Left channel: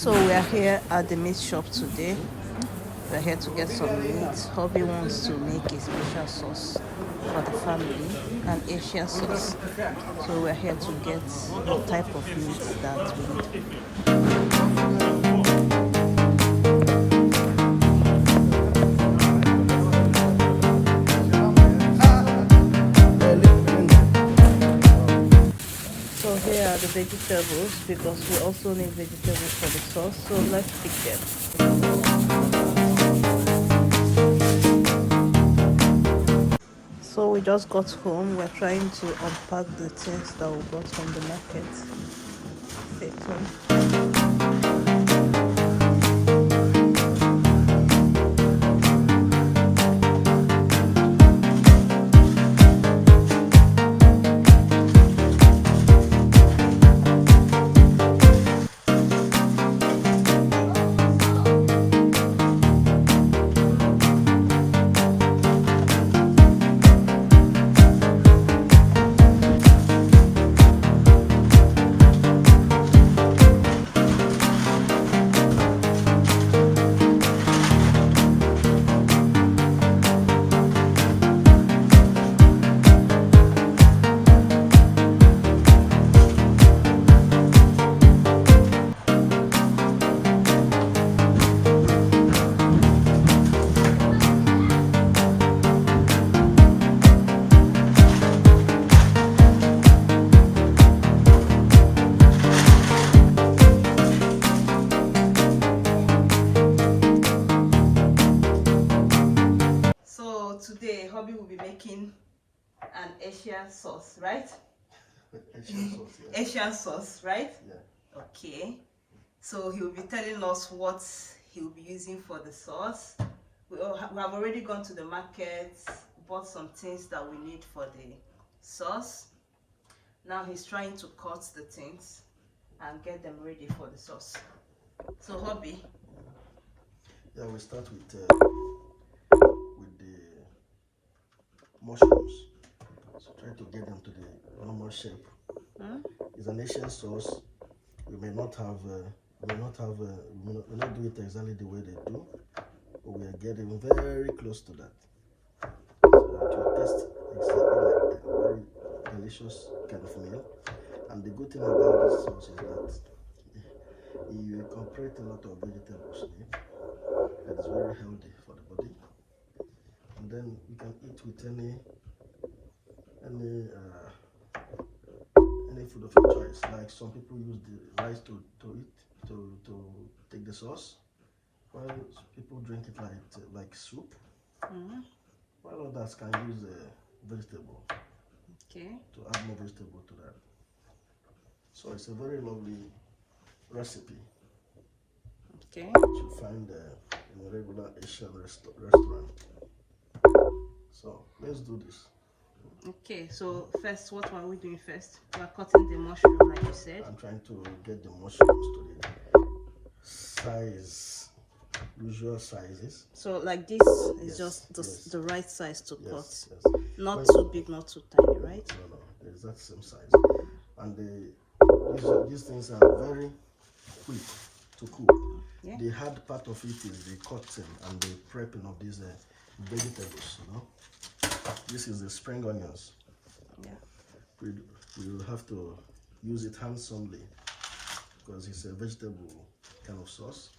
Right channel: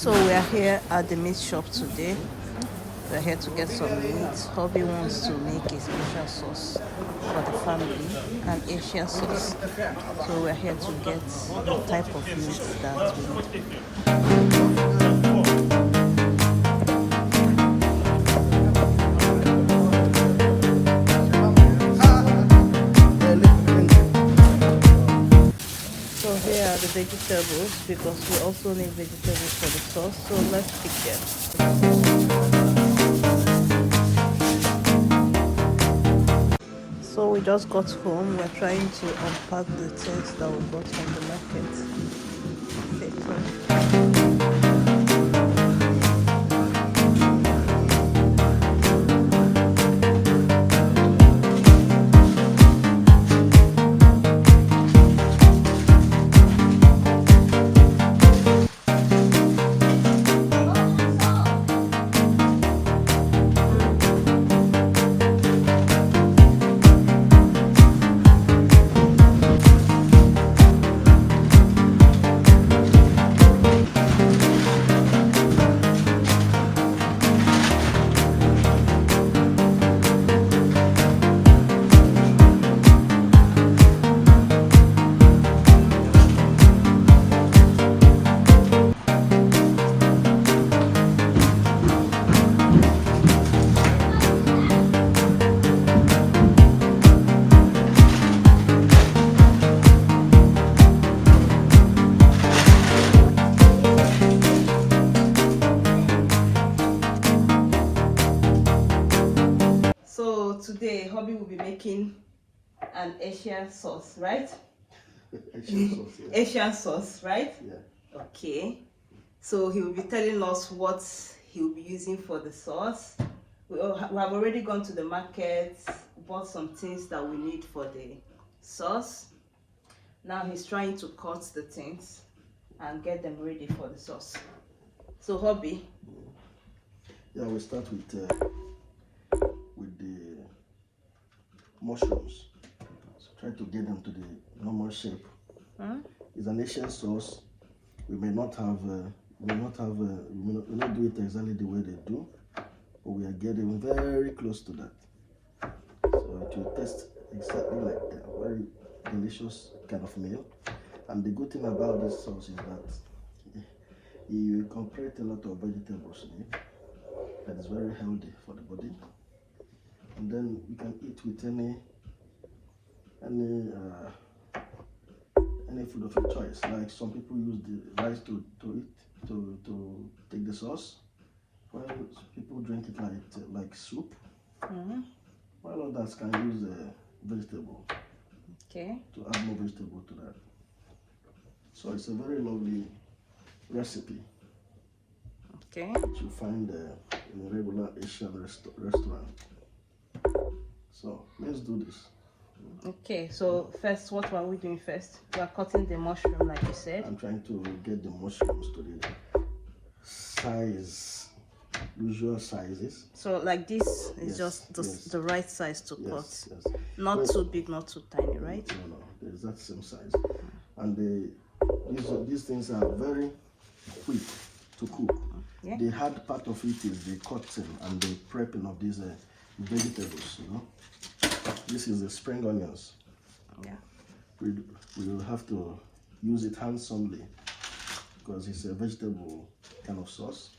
So we are here at the meat shop today. We are here to get some meat. Hubby wants to make a special sauce for the family, an Asian sauce. So we are here to get the type of meat that we need. So here are the vegetables because we also need vegetables for the sauce. So let's pick them. So we just got home. We're trying to unpack the things that we got from the market. Stay tuned. So today, Hobby will be making an Asian sauce, right? Asian sauce, yeah. Asian sauce, right? Yeah. Okay. So he will be telling us what he will be using for the sauce. We have already gone to the market, bought some things that we need for the sauce. Now he's trying to cut the things and get them ready for the sauce. So Hobby. Yeah, we start with the mushrooms. So try to get them to the normal shape. It's an Asian sauce. We may not do it exactly the way they do, but we are getting very close to that. So it will taste exactly like a very delicious kind of meal. And the good thing about this sauce is that you incorporate a lot of vegetables in it. That is very healthy for the body. And then you can eat with any food of your choice. Like some people use the rice to take the sauce. While people drink it like soup. While others can use vegetable. Okay. To add more vegetable to that. So it's a very lovely recipe. Okay. Which you find in regular Asian restaurant. So let's do this. Okay, so first, what are we doing first? We are cutting the mushroom, like you said. I'm trying to get the mushrooms to the size, usual sizes. So like this is just the right size to cut. Yes. Not too big, not too tiny, right? No, the exact same size. And these things are very quick to cook. Yeah. The hard part of it is the cutting and the prepping of these vegetables. This is the spring onions. Yeah. We will have to use it handsomely because it's a vegetable kind of sauce.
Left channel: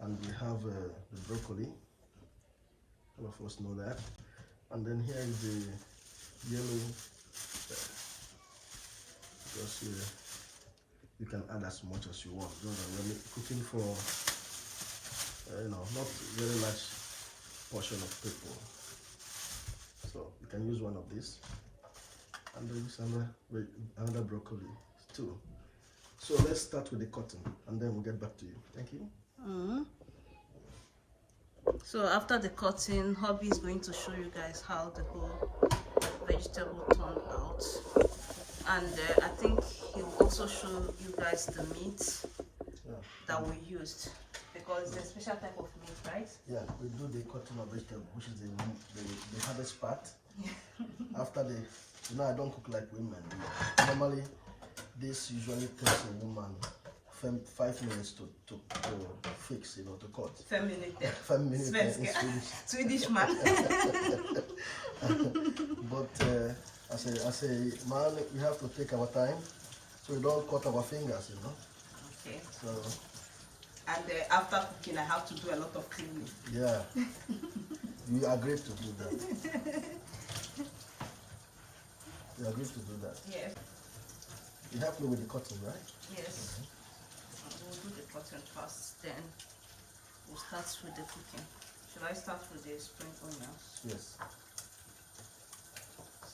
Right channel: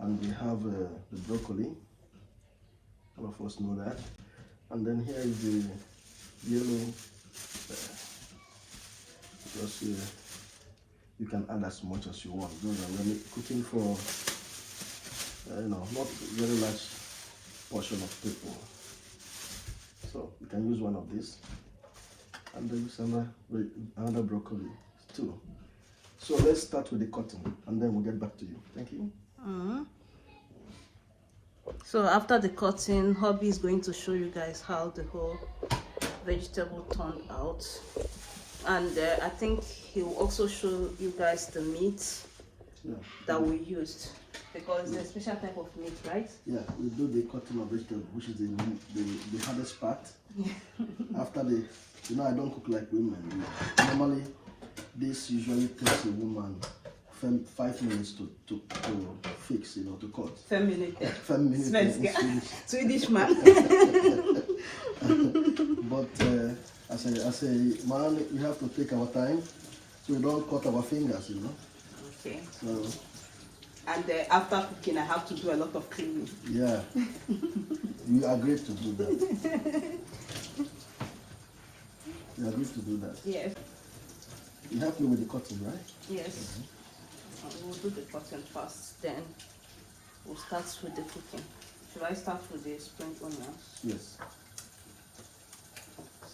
And we have the broccoli. All of us know that. And then here is the yellow. Just you can add as much as you want. Those are really cooking for not very large portion of people. So you can use one of these, and then use another broccoli too. So let's start with the cutting, and then we'll get back to you. Thank you. So after the cutting, Hobby is going to show you guys how the whole vegetable turned out, and I think he will also show you guys the meat that we used. Because it's a special type of meat, right? Yeah, we do the cutting of vegetable, which is the hardest part. After I don't cook like women. Normally, this usually takes a woman 5 minutes to fix, you know, to cut. 5 minutes. 5 minutes. Svenska. Swedish man. But as a man, we have to take our time so we don't cut our fingers, you know. Okay. So, and after cooking, I have to do a lot of cleaning. yeah. You agreed to do that. You agreed to do that. Yes. You help me with the cutting, right? Yes. We'll do the cutting first, then we'll start with the cooking. Should I start with the spring onions? Yes.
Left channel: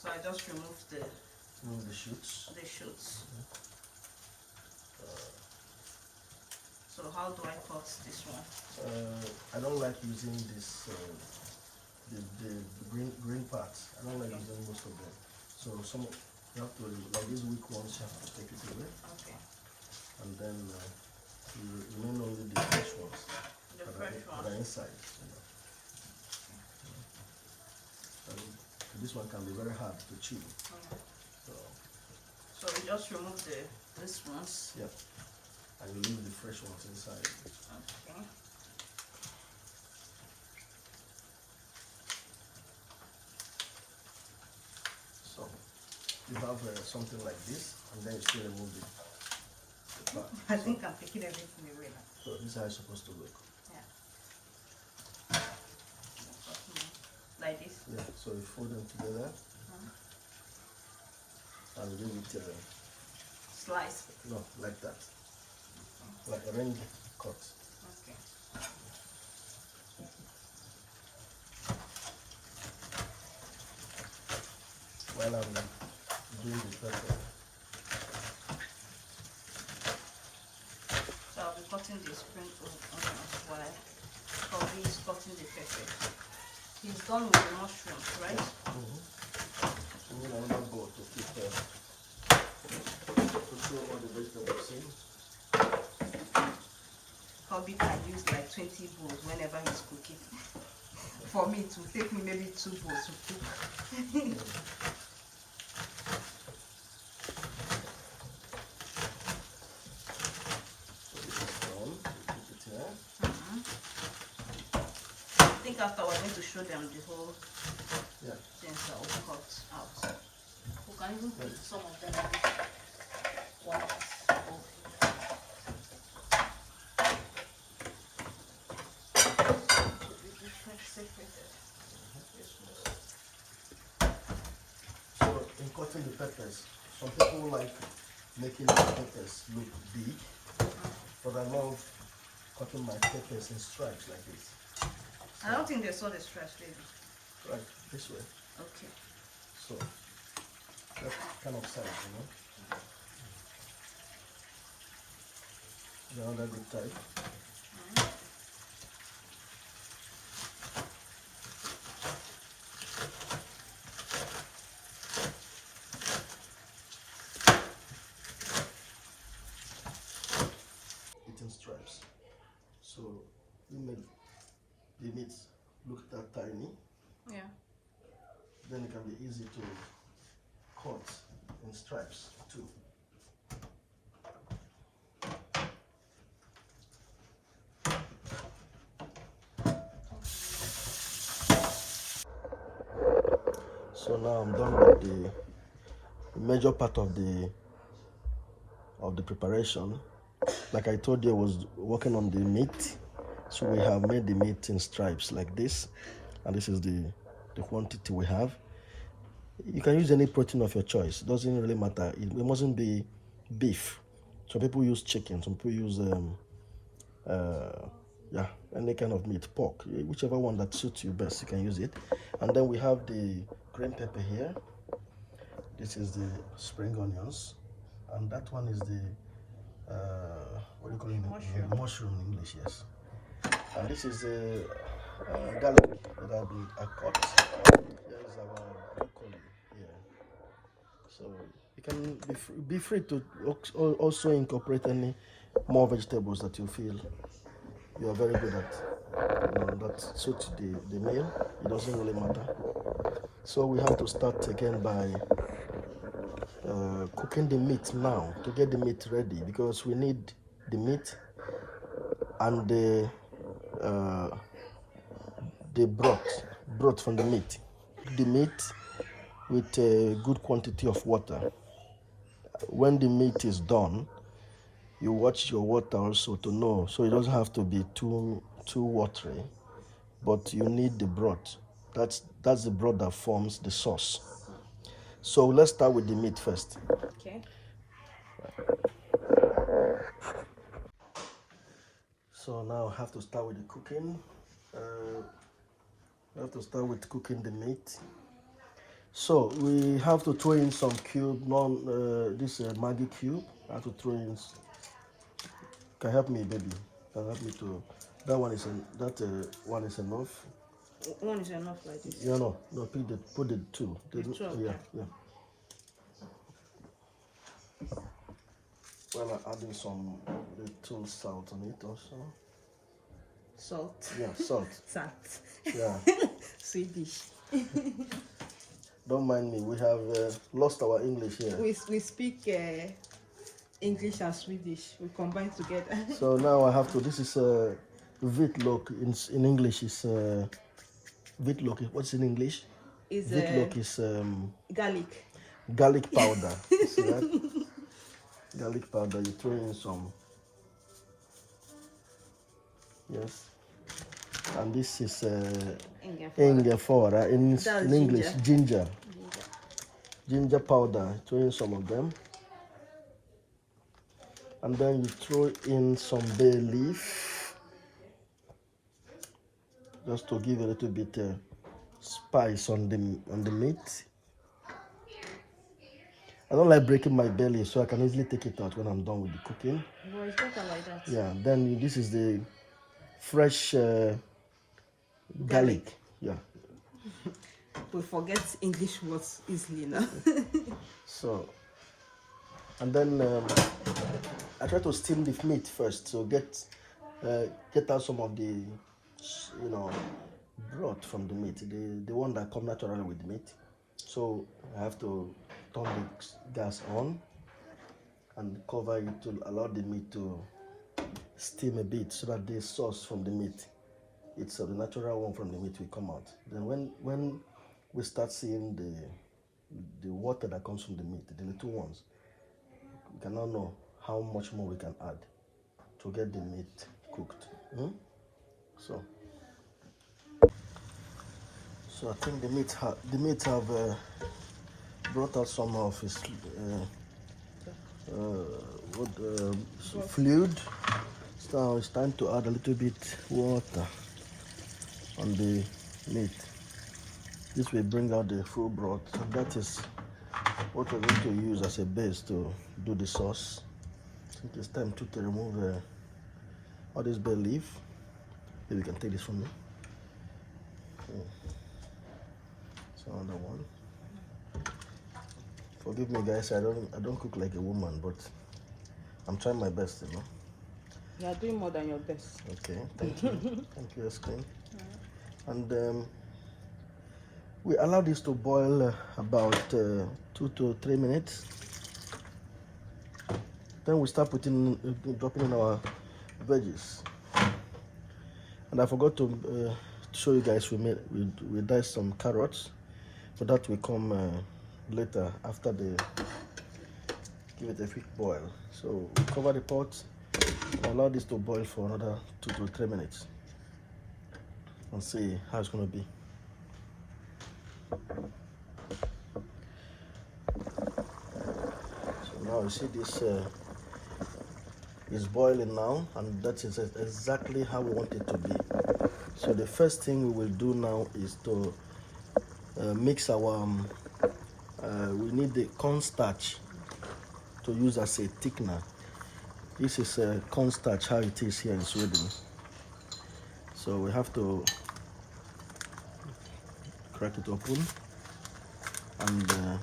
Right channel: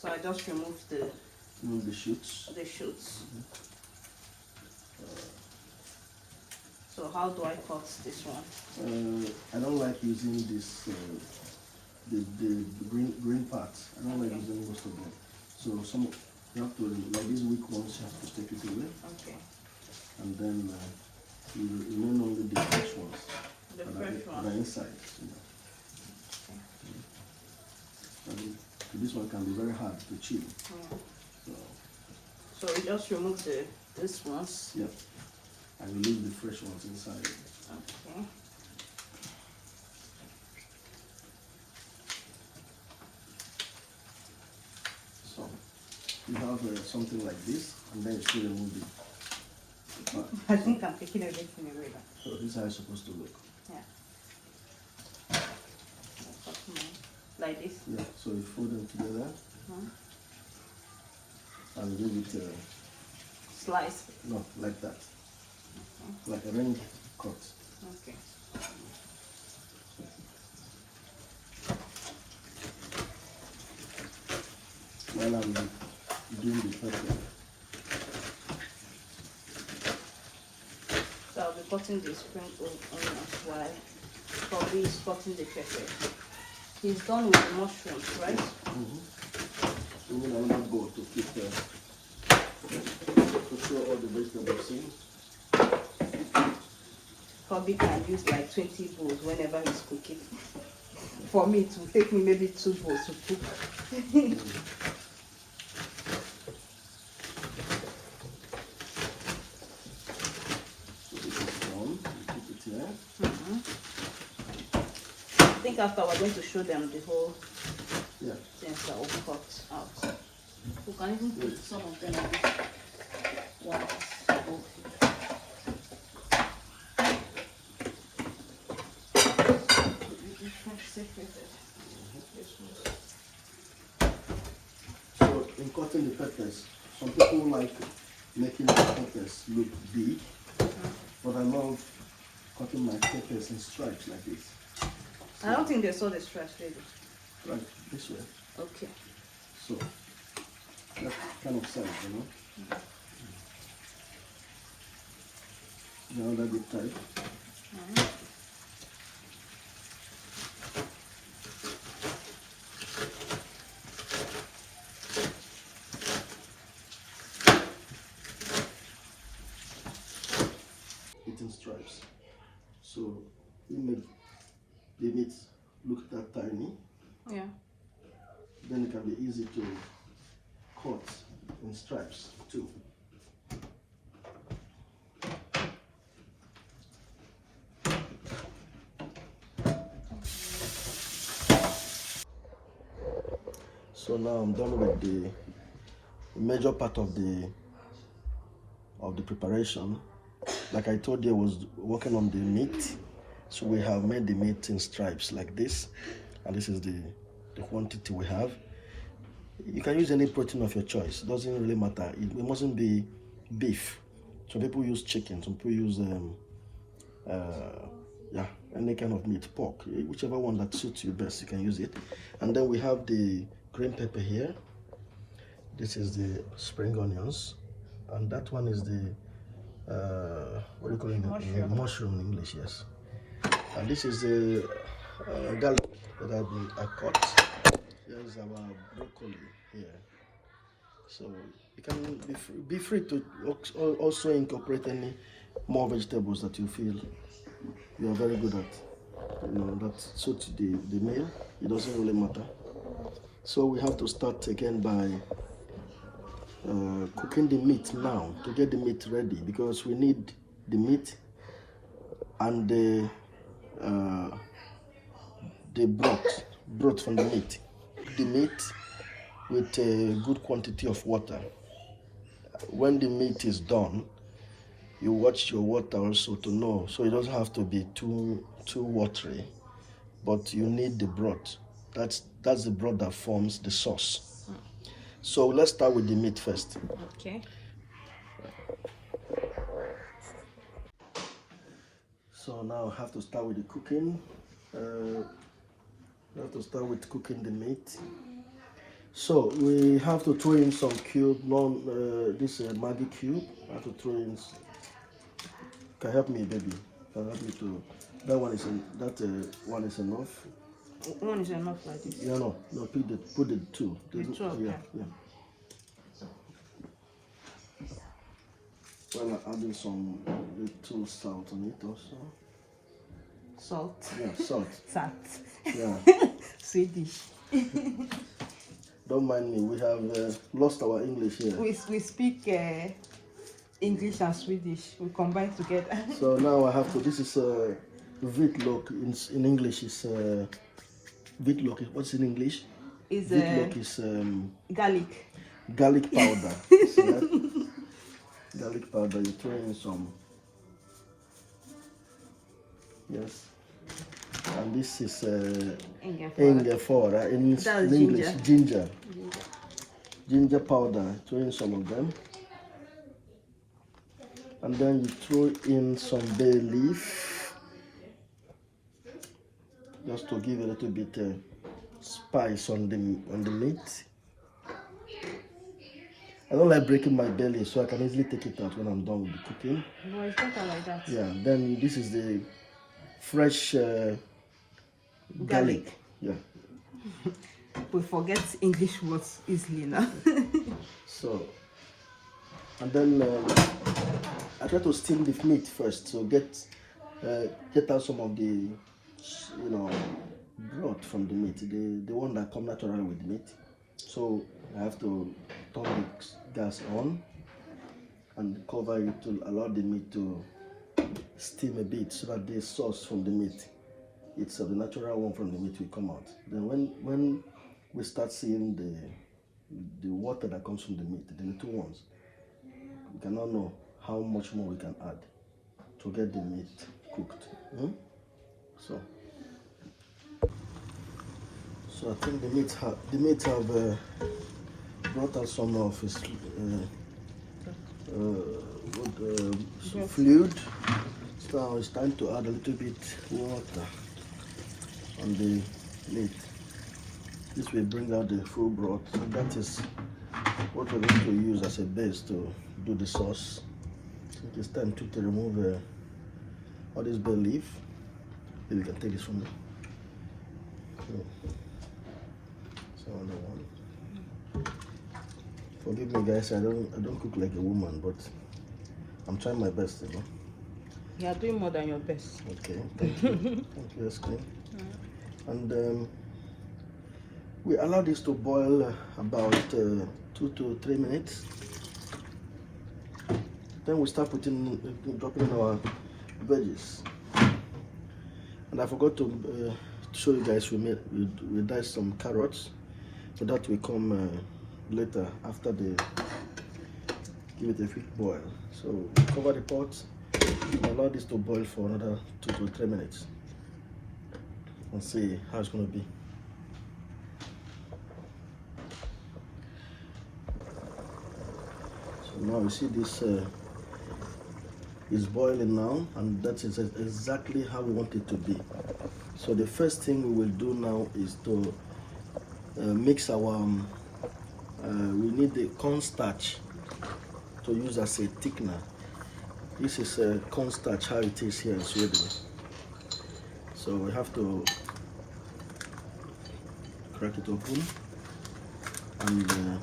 So I just remove the shoots. The shoots. So how do I cut this one? I don't like using this the green parts. I don't like using most of them. So you have to, like these weak ones, you have to take it away. Okay. And then you remain only the fresh ones. The fresh ones. The inside. You know. Okay. This one can be very hard to chew. Yeah. So you just remove this ones. Yeah. And you leave the fresh ones inside. Okay. So you have something like this, and then you still remove the part. I think I'm taking everything away now. So this is how it's supposed to look. Yeah. Like this? Yeah, so you fold them together and leave it slice. No, like that. Like a ring cut. Okay. While I'm doing the pepper. So I'll be cutting the spring onions while Kobe is cutting the pepper. He's done with the mushrooms, right? So we need another bowl to keep them. To throw all the vegetables in. Kobe can use like 20 bowls whenever he's cooking. For me, it will take me maybe 2 bowls to cook. So this is done. We keep it here. I think after we're going to show them the whole things that will cut out. We can even put some of them in this one. So in cutting the peppers, some people like making the peppers look big, but I love cutting my peppers in stripes like this. I don't think they saw the stripes really. Like this way. Okay. So that kind of size, you know. Another good type. In stripes, so we make the meat look that tiny. Yeah. Then it can be easy to cut in stripes too. So now I'm done with the major part of the preparation. Like I told you, I was working on the meat, so we have made the meat in stripes like this, and this is the quantity we have. You can use any protein of your choice, it doesn't really matter. It mustn't be beef. Some people use chicken, some people use any kind of meat, pork, whichever one that suits you best, you can use it. And then we have the green pepper here. This is the spring onions, and that one is the what do you call it? Mushroom in English, yes. And this is the garlic that has been cut. Here is our broccoli here. So you can be free to also incorporate any more vegetables that you feel you are very good at. That suits the meal. It doesn't really matter. So we have to start again by cooking the meat now to get the meat ready, because we need the meat and the broth from the meat. The meat with a good quantity of water. When the meat is done, you watch your water also to know, so it doesn't have to be too watery, but you need the broth. That's the broth that forms the sauce. So let's start with the meat first. Okay. So now I have to start with the cooking. I have to start with cooking the meat. So we have to throw in some cube, this Maggi cube. I have to throw in. Can help me, baby. Can help me to. That one is one is enough. One is enough like this. Yeah, no, put the two. Two, okay. Yeah. Well, I'm adding some little salt on it also. Salt. Yeah, salt. Salt. Yeah. Swedish. Don't mind me. We have lost our English here. We speak English and Swedish. We combine together. So now I have to. This is Vitlök. In English is Vitlök. What's in English? Vitlök is garlic. Garlic powder. See that? Garlic powder. You throw in some. Yes. And this is ingefära. In English, ginger. Ginger powder. Throw in some of them. And then you throw in some bay leaf, just to give a little bit spice on the meat. I don't like breaking my belly, so I can easily take it out when I'm done with the cooking. No, it's not like that. Yeah. Then this is the fresh garlic. Yeah. We forget English words easily now. So, and then I try to steam the meat first, so get out some of the broth from the meat, the one that come naturally with the meat. So I have to turn the gas on and cover it to allow the meat to steam a bit, so that the sauce from the meat, it's the natural one from the meat, will come out. Then when we start seeing the water that comes from the meat, the little ones, we cannot know how much more we can add to get the meat cooked. So I think the meat have brought out some of its fluid. So it's time to add a little bit water on the meat. This will bring out the full broth. That is what we're going to use as a base to do the sauce. So it's time to remove all this bay leaf. Maybe you can take this from me. So another one. Forgive me, guys. I don't cook like a woman, but I'm trying my best, you know. You are doing more than your best. Okay, thank you. Thank you, Eskin. And we allow this to boil about 2 to 3 minutes. Then we start dropping in our veggies. And I forgot to show you guys, we diced some carrots, so that will come later after give it a quick boil. So cover the pot, allow this to boil for another 2 to 3 minutes, and see how it's going to be. So now you see this is boiling now, and that is exactly how we want it to be. So the first thing we will do now is to mix our we need the cornstarch to use as a thickener. This is a cornstarch, how it is here in Sweden. So we have to crack it open and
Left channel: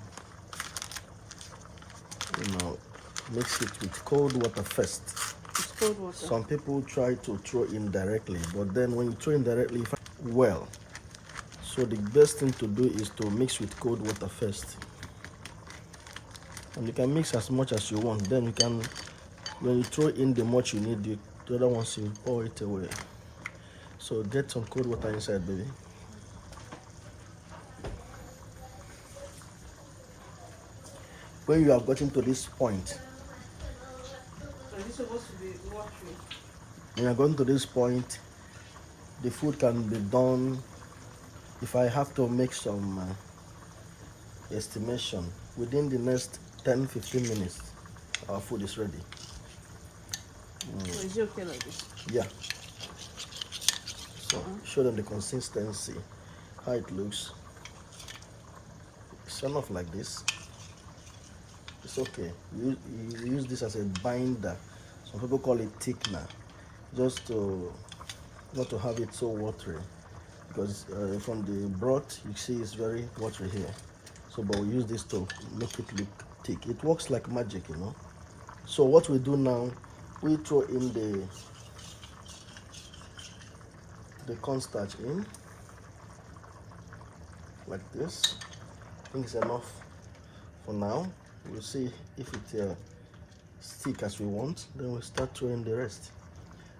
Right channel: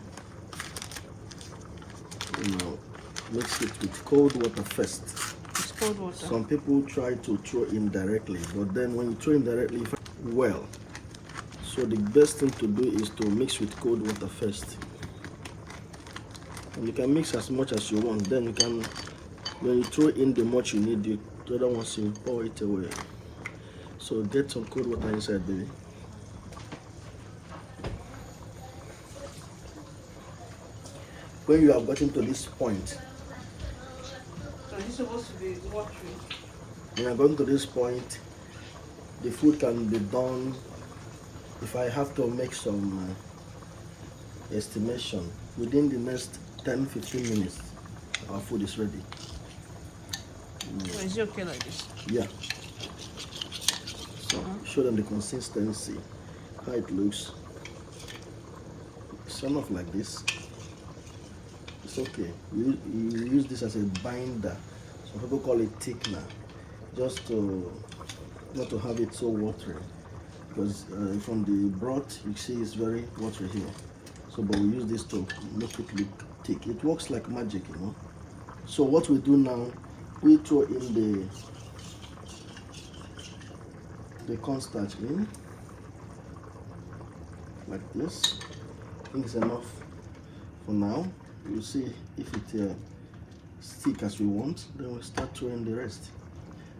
mix it with cold water first. Some people try to throw in directly, but then when you throw in directly, well, so the best thing to do is to mix with cold water first. And you can mix as much as you want, then you can When you throw in the much you need, the other ones you pour it away. So get some cold water inside, baby. When you have gotten to this point, So it's supposed to be watery. when you are going to this point, the food can be done. If I have to make some estimation, within the next 10-15 minutes, our food is ready. So it's okay like this. Yeah. So show them the consistency, how it looks. It's enough like this. It's okay. You use this as a binder. Some people call it thickener, just to not to have it so watery. Because from the broth, you see it's very watery here. So, but we use this to make it look thick. It works like magic, you know. So what we do now, we throw in the cornstarch in, like this. I think it's enough for now. We'll see if it thick as we want, then we'll start throwing the rest.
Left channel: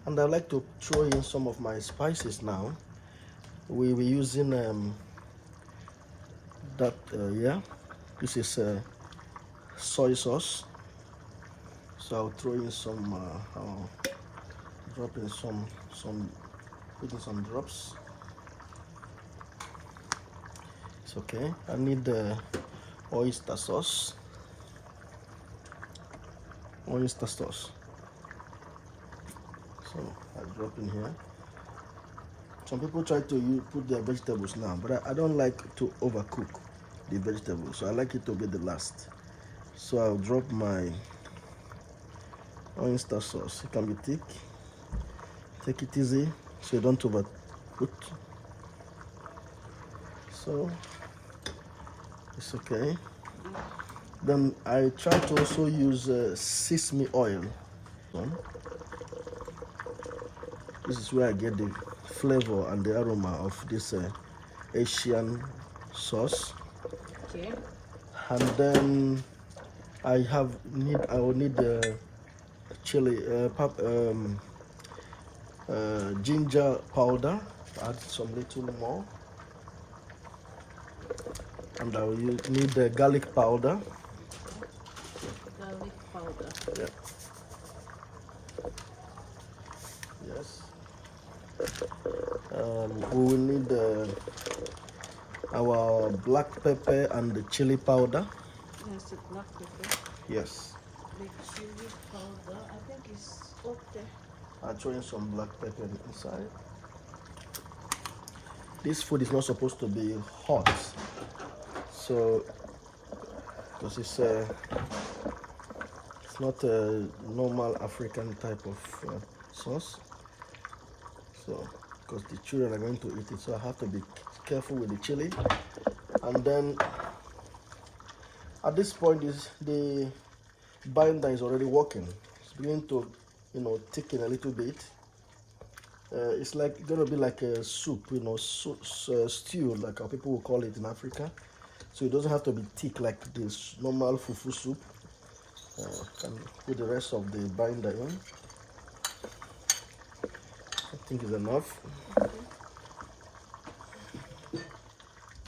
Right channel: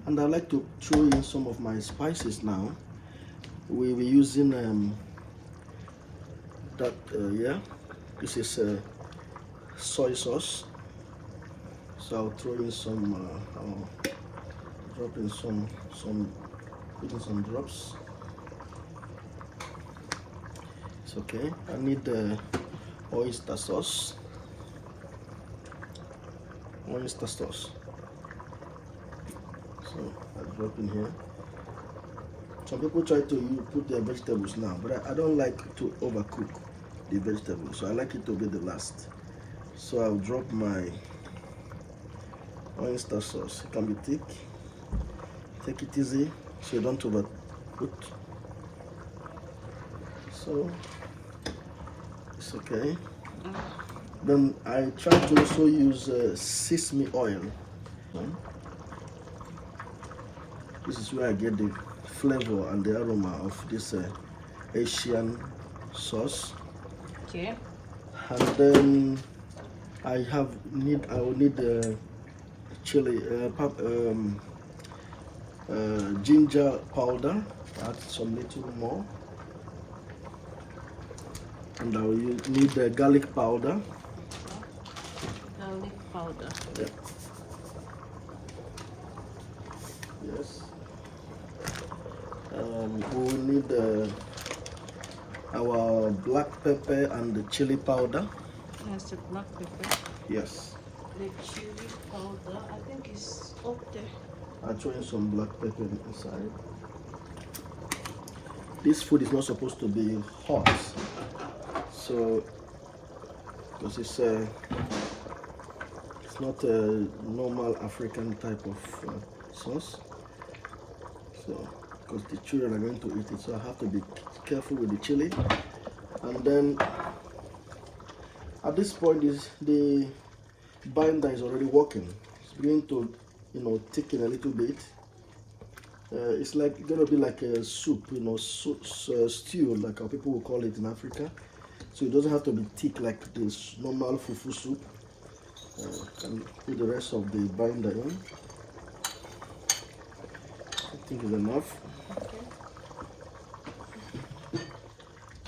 And I like to throw in some of my spices now. We'll be using yeah, this is soy sauce. So I'll throw in some, I'll drop in put in some drops. It's okay. I need the oyster sauce. Oyster sauce. So I drop in here. Some people try to put their vegetables now, but I don't like to overcook the vegetables, so I like it to be the last. So I'll drop my oyster sauce. It can be thick. Take it easy so you don't overcook. So it's okay. Then I try to also use sesame oil. This is where I get the flavor and the aroma of this Asian sauce. Okay. And then I will need chili, ginger powder. Add some little more. And I will need garlic powder. Garlic powder. Yeah. Yes. We will need our black pepper and the chili powder. That's the black pepper. Yes. The chili powder, I think it's up there. I'll throw in some black pepper inside. This food is not supposed to be hot, so because it's not a normal African type of sauce. So because the children are going to eat it, so I have to be careful with the chili. And then at this point, the binder is already working. It's beginning to, thicken a little bit. It's gonna be like a soup, stew, like how people will call it in Africa. So it doesn't have to be thick like this normal fufu soup. And put the rest of the binder in. I think is enough.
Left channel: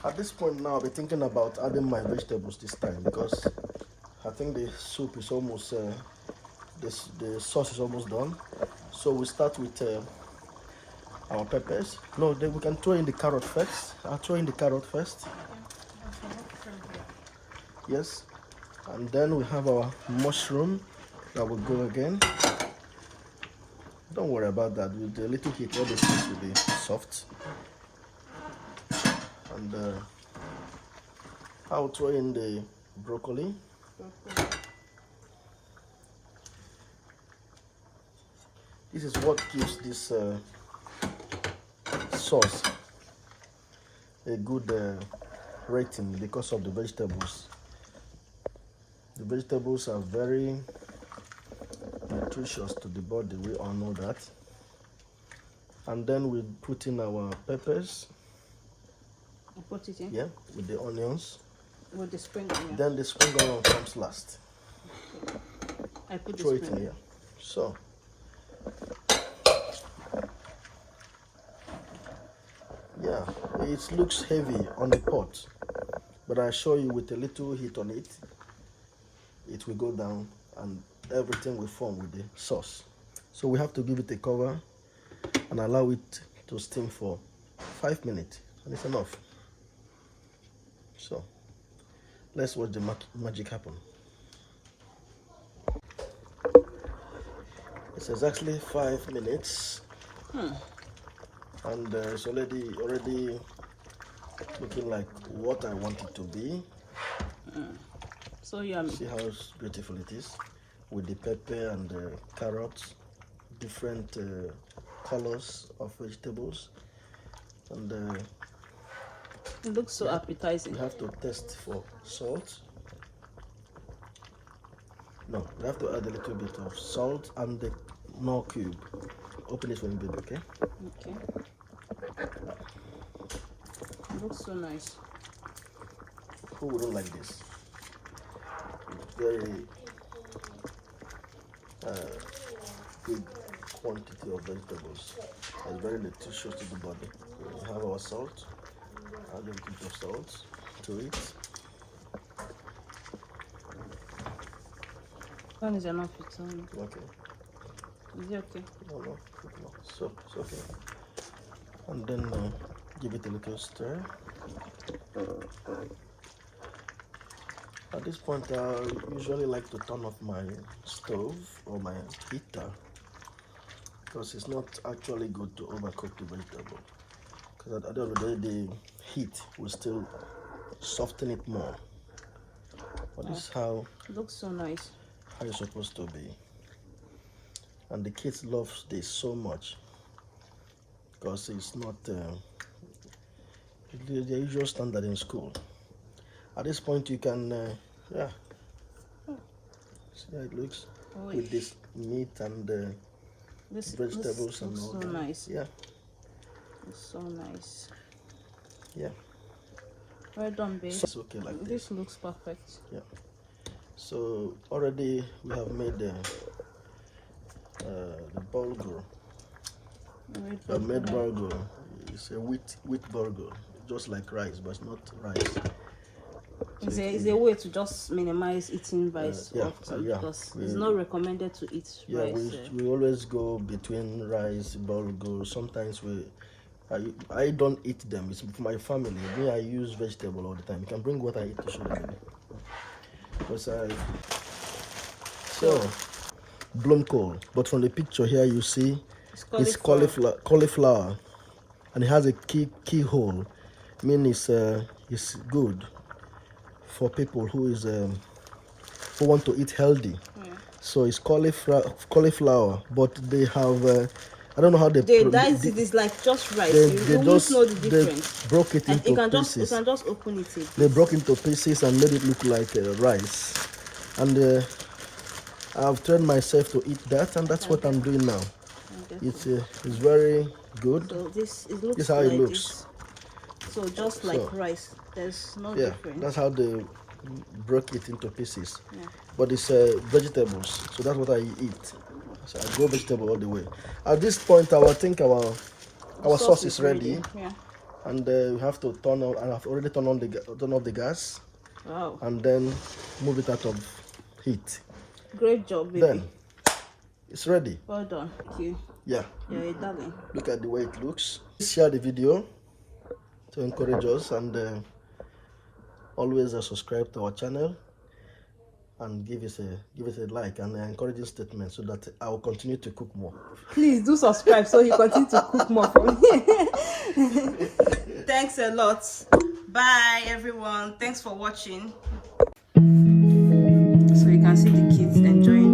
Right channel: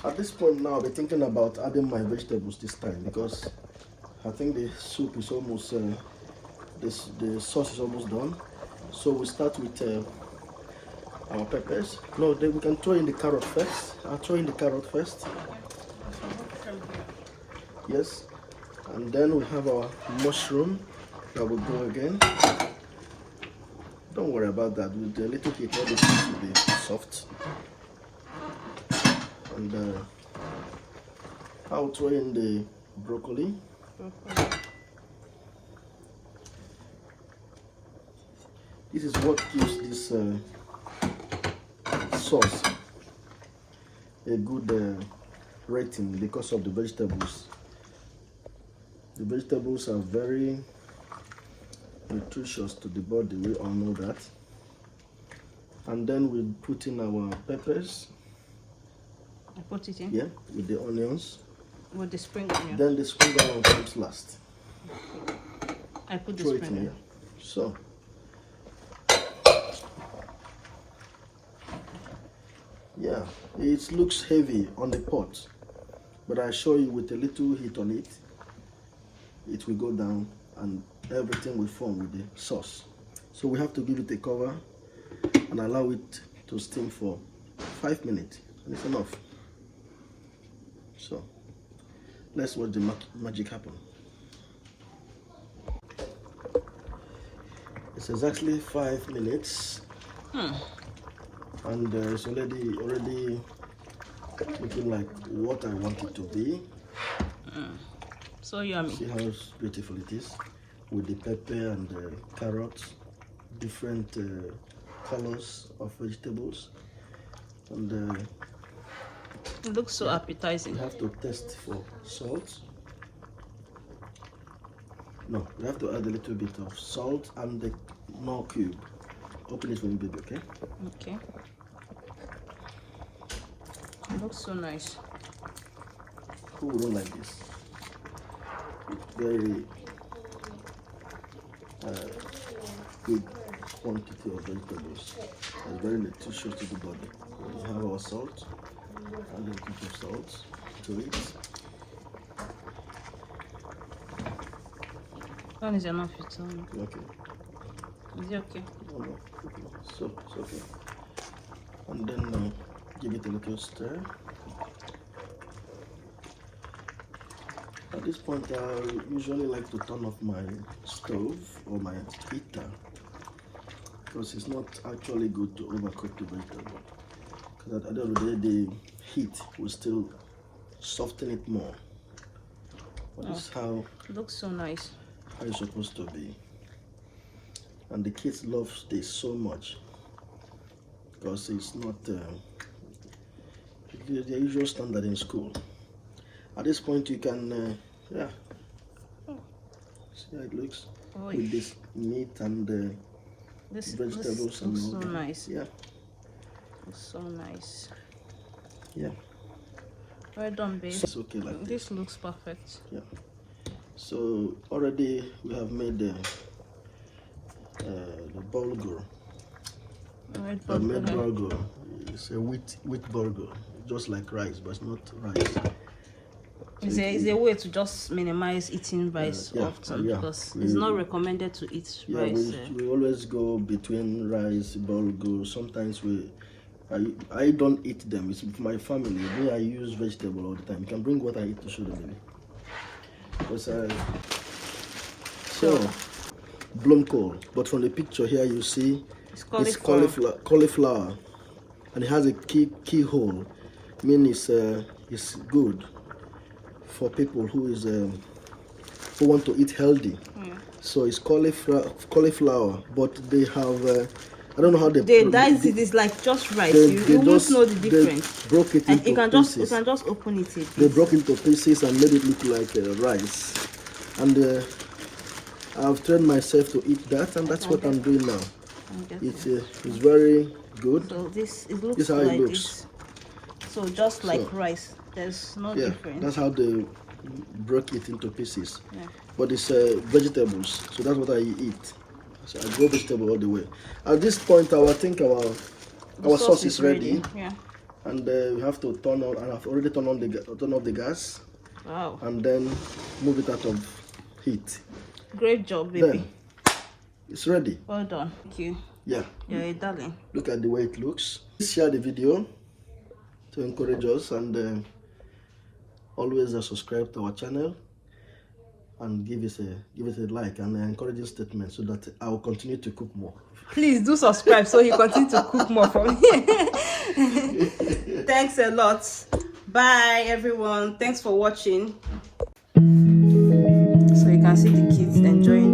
At this point now, I'll be thinking about adding my vegetables this time, because I think the soup is almost, the sauce is almost done. So we'll start with our peppers. No, then we can throw in the carrot first. I'll throw in the carrot first. Yes. And then we have our mushroom that will go again. Don't worry about that. With a little heat, all the things will be soft. And I will throw in the broccoli. This is what gives this sauce a good rating, because of the vegetables. The vegetables are very nutritious to the body, we all know that. And then we put in our peppers. You put it in? Yeah, with the onions. With the spring onion. Then the spring onion comes last. I put Throw the it spring in here. So yeah, it looks heavy on the pot, but I assure you with a little heat on it, it will go down and everything will form with the sauce. So we have to give it a cover and allow it to steam for 5 minutes, and it's enough. So let's watch the magic happen. It's exactly 5 minutes, and it's already looking like what I want it to be. So yummy. See how beautiful it is with the pepper and the carrots, different colors of vegetables, and it looks so appetizing. you have to test for salt. No, you have to add a little bit of salt and the more cube. Open it for me, baby, okay? Okay. It looks so nice. Who don't like this? It's very good quantity of vegetables and very nutritious to the body. We have our salt, add a little bit of salt to it. That is enough. Okay. Is it okay? No. So it's okay. And then give it a little stir. At this point, I usually like to turn off my stove or my heater because it's not actually good to overcook the vegetable. Because at the end of the day, the heat will still soften it more. But this is how it looks so nice. How it's supposed to be. And the kids love this so much because it's not the usual standard in school. At this point, you can, yeah, see how it looks with this meat and vegetables and all so that. Nice. Yeah. So nice. Yeah. Well done, babe. So it's okay like this. This looks perfect. Yeah. So already we have made the bulgur. I made bulgur. It's a wheat bulgur, just like rice, but it's not rice. So It's a way to just minimize eating rice often because it's not recommended to eat rice. We always go between rice, bulgur. Sometimes I don't eat them. It's for my family. Me, I use vegetable all the time. You can bring what I eat to show them. Because so blomkohl, but from the picture here you see it's cauliflower, and it has a keyhole, meaning it's good for people who want to eat healthy. So it's cauliflower, but they have I don't know how they dice it. It's like just rice. They just know the difference. They broke it into pieces. You can just open it. They broke into pieces and made it look like rice. And I've trained myself to eat that, and that's what I'm doing now. It's very good. So this is how it looks. So just like rice. There's no difference. That's how they broke it into pieces. Yeah. But it's vegetables, so that's what I eat. So I go vegetable all the way. At this point, I think our sauce is ready. Yeah. And we have to turn on, and I've already turned off the gas. Wow. And then move it out of heat. Great job, baby. Then it's ready. Well done. Thank you. Yeah. You're a darling. Look at the way it looks. Please share the video to encourage us, and always subscribe to our channel and give us a like and an encouraging statement so that I will continue to cook more. Please do subscribe so you continue to cook more for me. Thanks a lot. Bye everyone. Thanks for watching. So you can see the kids enjoying